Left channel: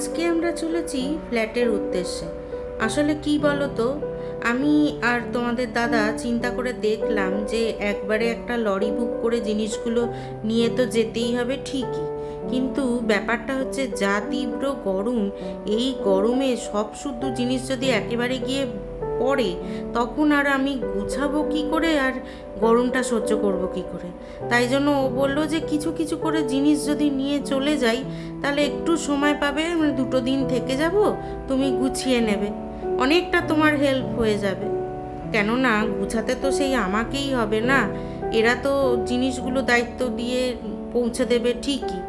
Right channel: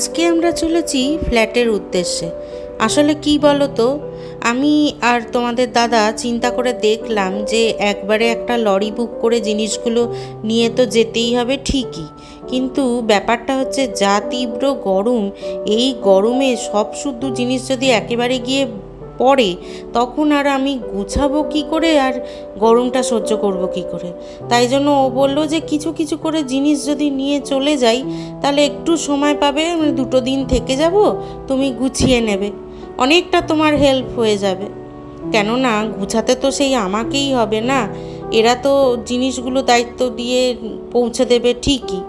আজকে আমরা চলেছি ফ্ল্যাটের উদ্দেশ্যে। আসলে কি বলো তো, আমি আর তোমাদের দাদা চিন্তা করে দেখলাম যে একবারে একটা লরি বুক করে জিনিসগুলো নিয়ে তো যেতেই হবে ঠিকই, কিন্তু ব্যাপারটা হচ্ছে যা তীব্র গরম, এই গরমে সব শুদ্ধ জিনিস যদি একেবারে গিয়ে পড়ে তখন আর আমি গুছাবো কী করে, আর গরমটা সহ্য করব কী করে। তাই জন্য ও বললো যে কিছু কিছু করে জিনিস যদি নিয়ে চলে যাই তাহলে একটু সময় পাবে, 2 দিন থেকে যাব, তুমি গুছিয়ে নেবে, অনেকটা তোমার হেল্প হয়ে যাবে। কেননা গুছাতে তো সেই আমাকেই হবে না, এরা তো জিনিসগুলো দায়িত্ব দিয়ে পৌঁছে দেবে ঠিকই,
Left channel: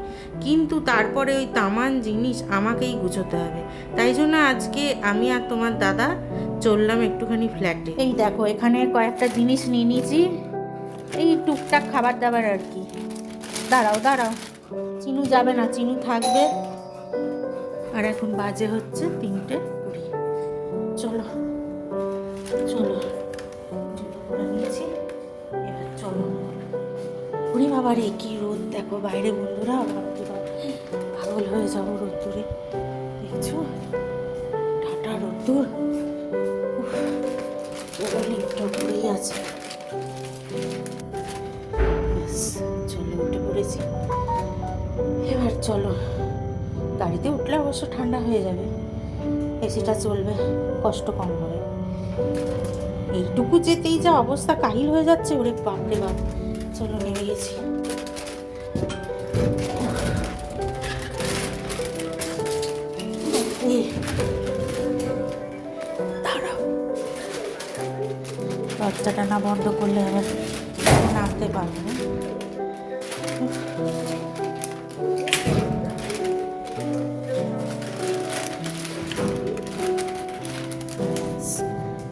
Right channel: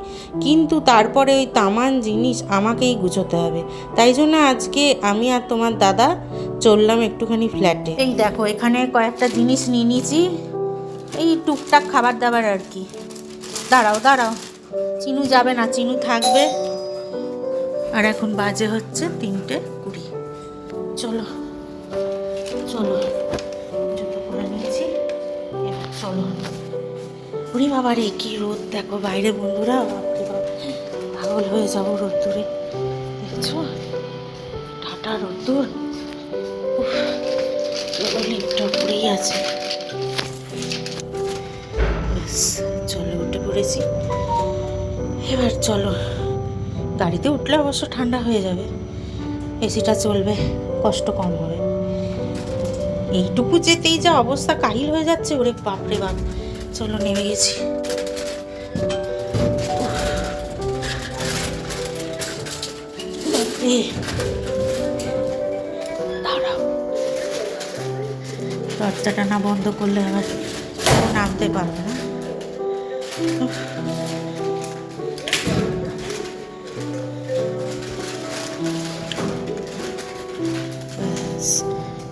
কিন্তু তারপরে ওই তামান জিনিস আমাকেই গুছোতে হবে। তাই জন্য আজকে আমি আর তোমার দাদা চললাম একটুখানি ফ্ল্যাটে। এই দেখো এখানে কয়েকটা জিনিস নিয়ে নিয়েছি, এই টুকটাক খাবার দাবার আর কি। দাঁড়াও দাঁড়াও, চিনু যাবে না, চিনু থাকবে। আর এখন বাজে হচ্ছে 3:20। চলো চলো, জুতো পরে নিয়েছি, এবার চলো। উরি বাবা রে, কি রোদ দেখো বাইরে বন্ধুরা, বাপরে বাপ, পাগল হয়ে যাবো রোদ্দুরে, দেখছো ঠাটা রোদ্দুর। চলো, লিফটটা পড়েই আছে। চলো উঠে পড়েছি, এবার চলো। গাড়িতে উঠলে অবশ্য ঠান্ডা হয়ে যাবে, এসিটা চলবে, কষ্ট কম হবে। এইটুকু যেতেই যা অবস্থা কাহিল হয়ে যাচ্ছে, ওরে বাপরে বাপ। চলো নেমে গেছি। দাঁড়াও, দরজাটা না বন্ধ করলে আবার নামতে পারবো না।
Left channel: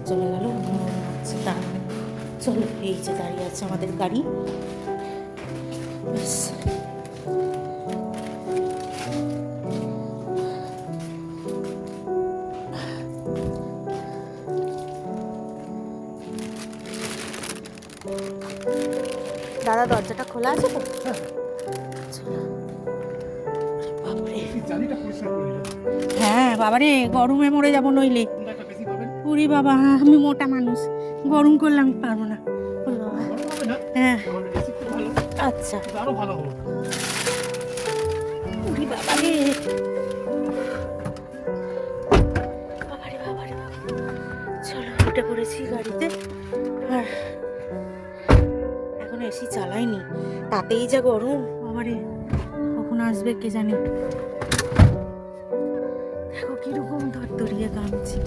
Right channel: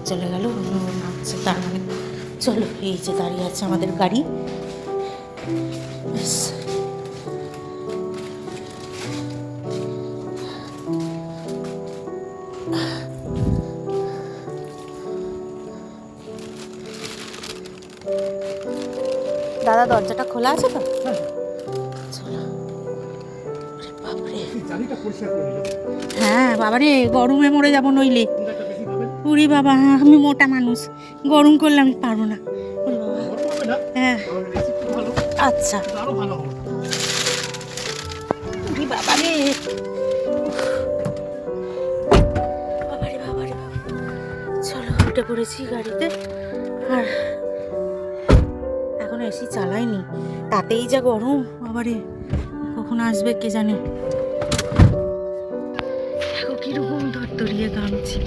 চলে গেল, নামছে তার মানে। চলো, এই যে দাঁড়িয়ে আছে আমাদের গাড়ি। দাদা দরজাটা খোলা আছে তো? চলো। বাপরে, হ্যাঁ বাবারে, গরমে মরে যাবো নইলে। উরি বাবা, আমি মোটা মানুষ, গরম করলে আমি পারবো না। উরি বাবা, হ্যাঁ আচ্ছা। উরি বাবারে, বাবারে বাবারে বাবা। চলো উঠে পড়েছি গাড়িতে, আর এখন এসি চালাইনি, তাতেই যা গরম। বাবারে, কখন আসবে কে জানে। দেখো কিরকম ধরতরিয়ে গামছি,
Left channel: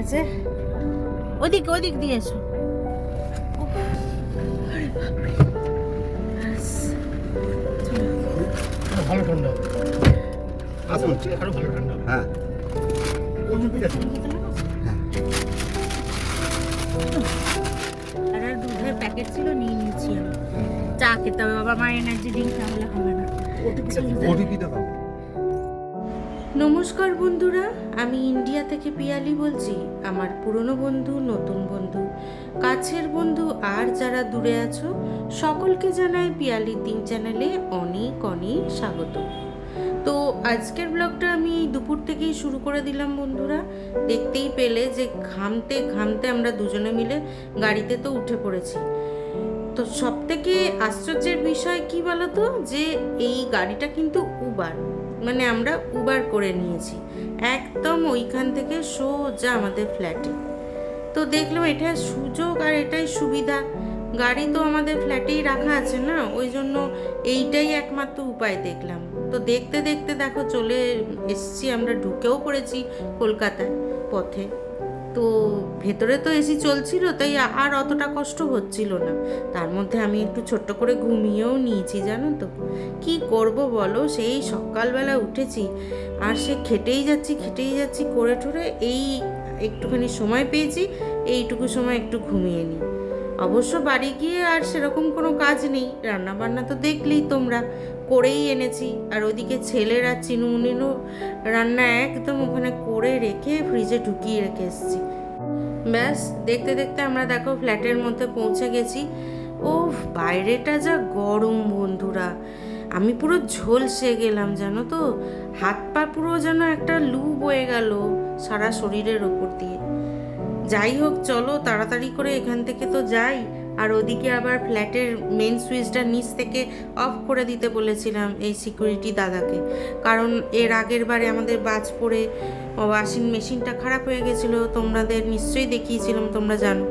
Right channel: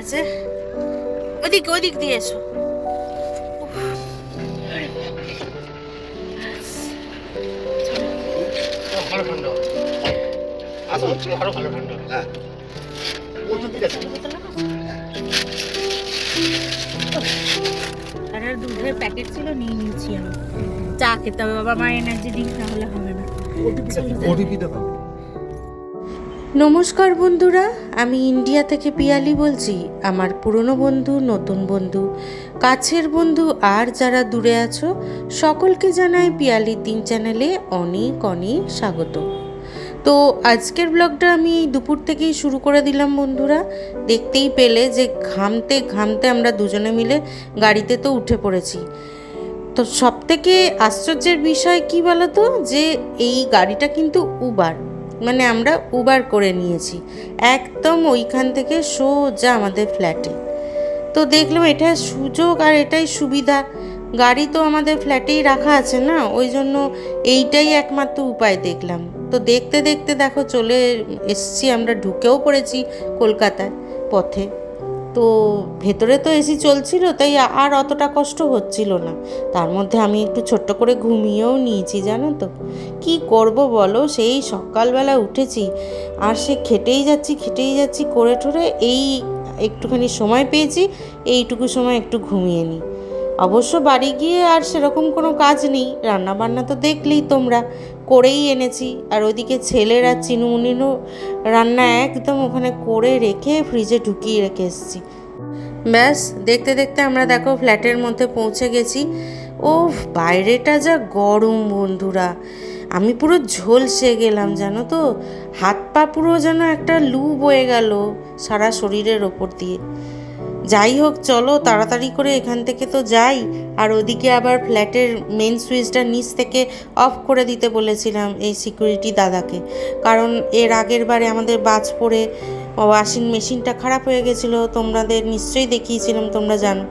আছে। ওদিক ওদিক দিয়ে এসো। ভালো ঠান্ডা, আরো ভালো ঠান্ডা। হ্যাঁ, আর দুধের প্যাকেট ছিল, নিয়ে নিয়েছি আমি। চা খেতে হবে বাবা, আমার এনার্জি ড্রিঙ্ক না হলে হবে না। নমস্কার বন্ধুরা, আমি ইন্ডিয়া থেকে পিয়ালি বলছি। আমার পুরনো বন্ধু, নতুন বন্ধু, কাছের বন্ধু আর যারা দূরে আছো সকলকে জানাই পিয়ালির দিন চ্যানেলে অনেক অনেক স্বাগত। তো আজকের ব্লগটা আমি দুপুর থেকেই শুরু করে দিলাম বন্ধুরা। দেখতেই পেলে যে ঘামতে ঘামতে আমরা দুজনে মিলে গাড়িতে তো উঠে পড়েছি। তো সবথেকে আশ্চর্যের বিষয় কি বলো তো, যে এই গাড়িটা কিন্তু উবার, মানে আমরা উবার করে নিয়েছি একদম ওইখান থেকে সোজা আমাদের ফ্ল্যাটে। তো দেখলাম এটা সুযোগ আর এটাই সুবিধা, গাড়ি তো আমাদের ফ্ল্যাটেই রাখা আছে না, ওই জন্য এইটাই একমাত্র উপায় দেখলাম। তো দেখতে দেখতে দেখো চলে এসছি, আমরা ঢুকেও পড়েছি কলকাতায় পথে। তো ভেতরে তো এসি চলছিল, তাই আর অতটা কষ্ট হচ্ছিল না। তার মধ্যে আমি একটু ছোট্ট করে ঘুমিয়েও নিয়েছি, জানো তো। কি করব বলো, সেই সকালবেলা উঠেছি আর সে খেটেই যাচ্ছি করে ঠোরে, এই একটুখানি সময় পেয়েছি, এইটুকু সময় একটু ঘুমিয়ে নিই। অবশ্য বাড়ি গিয়ে আর সেরকম কোনো কাজ নেই, রান্নাবান্না তো দেখলেই তোমরা, করেই এনেছি। আর ওইদিকে ছেলের আর চিনুমুনিরও রান্না একদম ওখানে করে রেখে ফ্রিজে ঢুকিয়ে রেখে এসেছি। ব্যাস দেখতে দেখতে আমরা দেখো ফ্ল্যাটের মধ্যে পৌঁছে গেছি। ও বাইরেটা যা গরম বন্ধুরা, আমি পুরো ঝলসে গেলাম, জানো তো, হাত পা পুরো যেন একটা লু বয়ে গেল সারা শরীরের ওপর দিয়ে। যাই হোক, চলো তাড়াতাড়ি করে এখান থেকে তো যাই। আর ওদিকে আবার ফ্ল্যাটের মেন সুইচটা নিচ থেকে অফ করে দিতে বলেছিলাম এই সিকিউরিটি দাদাকে, কারণ এর আগের বারে আমাদের বাজ পড়ে ওয়াশিং মেশিনটা খারাপ হয়ে গেছিলো, তোমাদের নিশ্চয়ই দেখিয়েছিলাম, তোমরা জানো।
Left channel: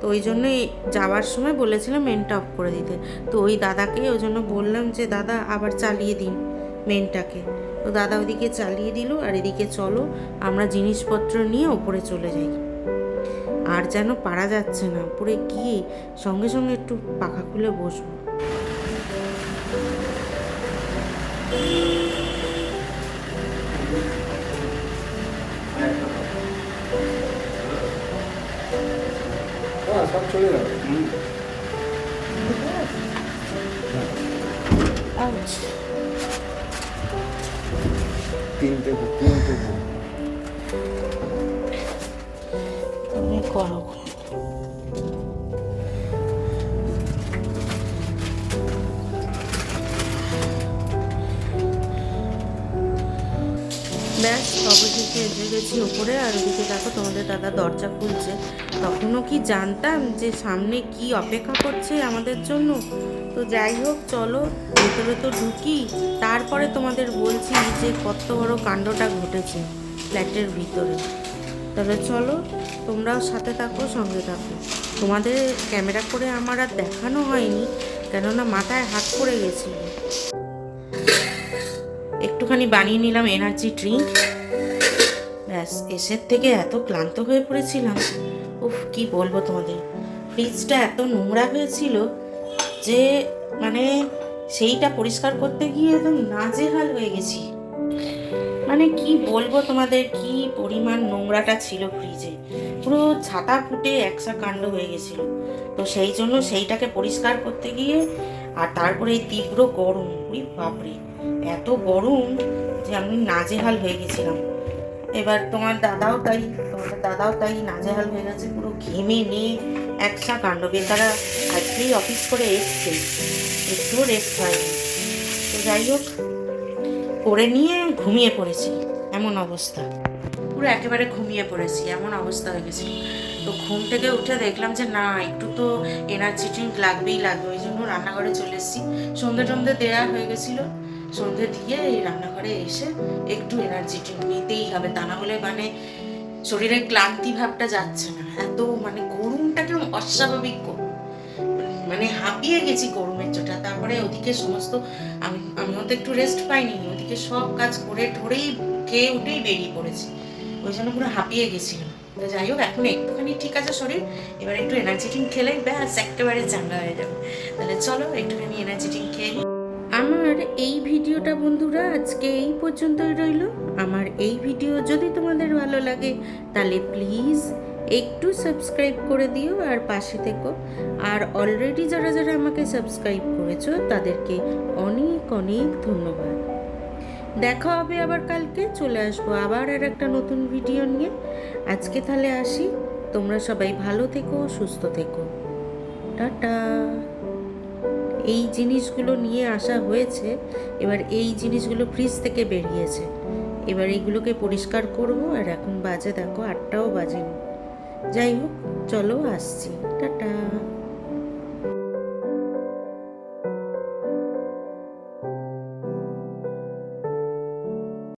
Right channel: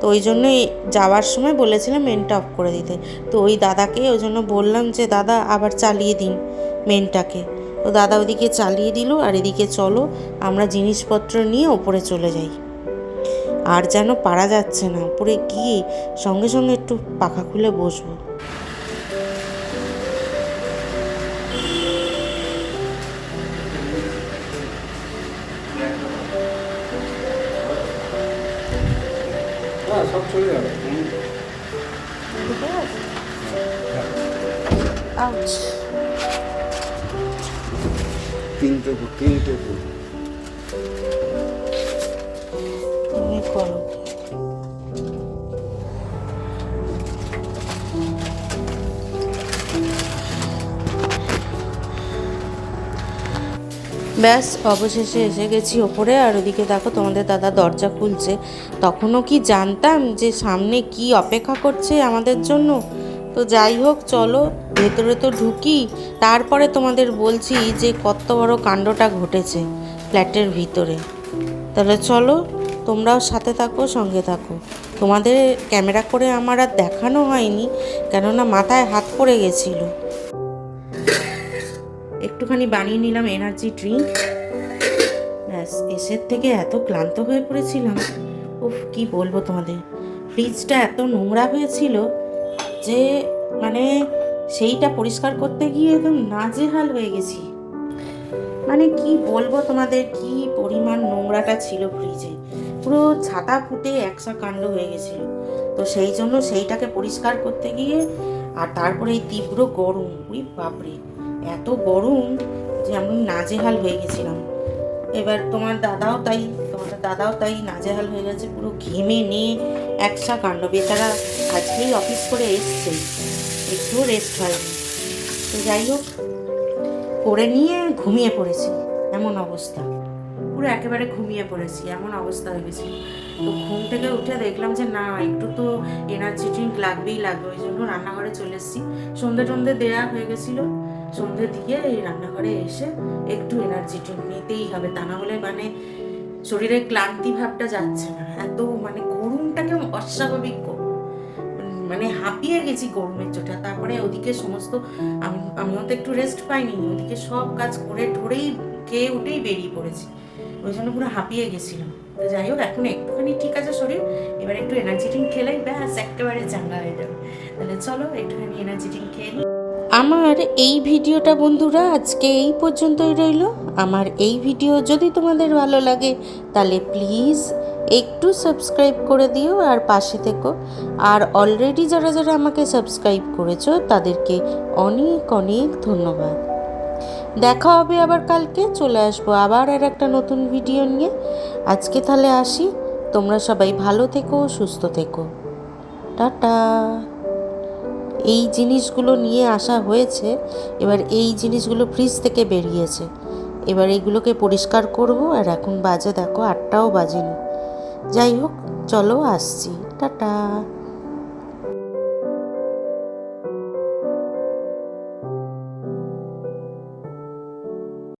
তো ওই জন্যই যাওয়ার সময় বলেছিলাম মেনটা অফ করে দিতে। তো ওই দাদাকে ওই জন্য বললাম যে দাদা আবার চালিয়ে দিন মেনটাকে। তো দাদা ওদিকে চালিয়ে দিল, আর এদিকে চলো আমরা জিনিসপত্র নিয়ে ওপরে চলে যাই। আর যেন পারা যাচ্ছে না, উপরে গিয়ে সঙ্গে সঙ্গে একটু পাখা খুলে বসবো। সব চলে যাবে। আউচ। তিনটে তুমি করো। ব্যাস অবশেষে এসে গেছি ওপরে। আর ওদিকে দেখো তোমাদের দাদা দরজা খুলছে। তখনও কি জানতাম যে সামনে কি অপেক্ষা করছে আমাদের জন্য। তো যাই হোক, চলো ভেতরে তো ঢুকি, তারপরে তোমাদের বলছি যে কত বড় কাণ্ডটা ঘটেছে ফ্ল্যাটের ভিতরে। তাহলে চলো, তোমরাও সাথে থাকো, সঙ্গে থাকো। তোমাদের ক্যামেরা করে আমার আর দেখানো হয়নি, কেননা মাথায় হাত পড়ে গেছিলো। একটুখানি বানিয়ে নিলাম এনার্জি ড্রিঙ্ক। ব্যাস, এসের থেকে এত ক্লান্ত হয়ে পড়েছিলাম, উফ কি বলবো তোমাদের। ফ্রিজটা এত নোংরা হয়েছিল যে মানে সেইটা পরিষ্কার করতে গিয়ে একদম নাজেহাল হয়ে গেছি। মানে কি বলবো তোমাদের, কি পরিমাণ নোংরাটা ছিল ফ্রিজে, পুরো ছাতা ফুটে একসা কাণ্ড হয়ে গেছিল। তো সেই জন্য সেইটাকে পরিষ্কার করতে গিয়ে, আর তারপরে এই তীব্র গরম, ওই বাপরে এত গরম যে আমি নাজেহাল হয়ে গেছিলাম। এবার তোমাদের দাদাও তাই নাজেহাল হয়ে গেছে, পুরো ঘেমে নিয়ে একসা কাণ্ড। বেচারা আজকেই অফিস করে এসছে, একটুও রেস্ট হয়নি। তো যাই হোক, করে নিয়ে ঘুমিয়ে পড়েছি, এমন অবস্থা, পুরো একেবারে ঘুমিয়ে পড়েছি, এমন অবস্থা হয়ে গেছে। তো ঘুম থেকে উঠে দেখলাম যে না, একটু তো এনার্জি ড্রিঙ্ক লাগবেই লাগবে। ওই জন্য রান্নাঘরে চলে এসেছি। সন্ধে দেয়া হয়ে গেছিলো, সন্ধে দিয়ে এই রান্নাঘরে এসে একটু এনার্জি ড্রিঙ্ক নিতেই হবে, তা না হলে মানে শরীরের ক্লান্তি ভাবটা যাচ্ছে না। এত মানে গরমটা কেমন অস্বাভাবিক, মানে হাঁপিয়ে গেছি গরমের চোটা। তারপরে ওদিকে সমস্ত আমিও তো একটু রেস্ট পাইনি, ওদিকে সব কাজ করে ঠোরেই খেয়ে উঠেই বেরিয়ে পড়েছি, ওই জন্য পুরো হাঁপিয়ে গেছিলাম। তো যাই হোক, এখন একটুখানি ঠিক আছে শরীর, এবার একটু এনার্জি ড্রিঙ্ক খেলেই ব্যাস একেবারে চাঙ্গা হয়ে যাবে। তাহলে চলো একটুখানি এনার্জি ড্রিঙ্ক খেয়ে নিই। আমার এই ভিডিওটা বন্ধুরা আজকে এই পর্যন্তই রইল। আমার এই ভিডিও যদি তোমাদের ভালো লাগে তাহলে প্লিজ একটু সাবস্ক্রাইব করে দিও আর পাশে থেকো। আর অলরেডি যারা যারা আমাকে সাবস্ক্রাইব করেছো তাদেরকে অনেক অনেক ধন্যবাদ। দেখা হবে আবার কালকে, চলে আসবো আবার আর একটা নতুন ভিডিও নিয়ে। আজকে তাহলে আসি, তোমরা সবাই ভালো থেকো, সুস্থ থেকো, টাটা। এই জিনিসগুলো নিয়ে আসা হয়েছে, এবার এই জিনিসগুলো ফ্রিজ থেকে বেরিয়েছে, এবার এইগুলোকে পরিষ্কার করব। আর এখন বাজে দেখো 8টাও বাজেনি। যাই হোক, চলো আসছি, টাটা।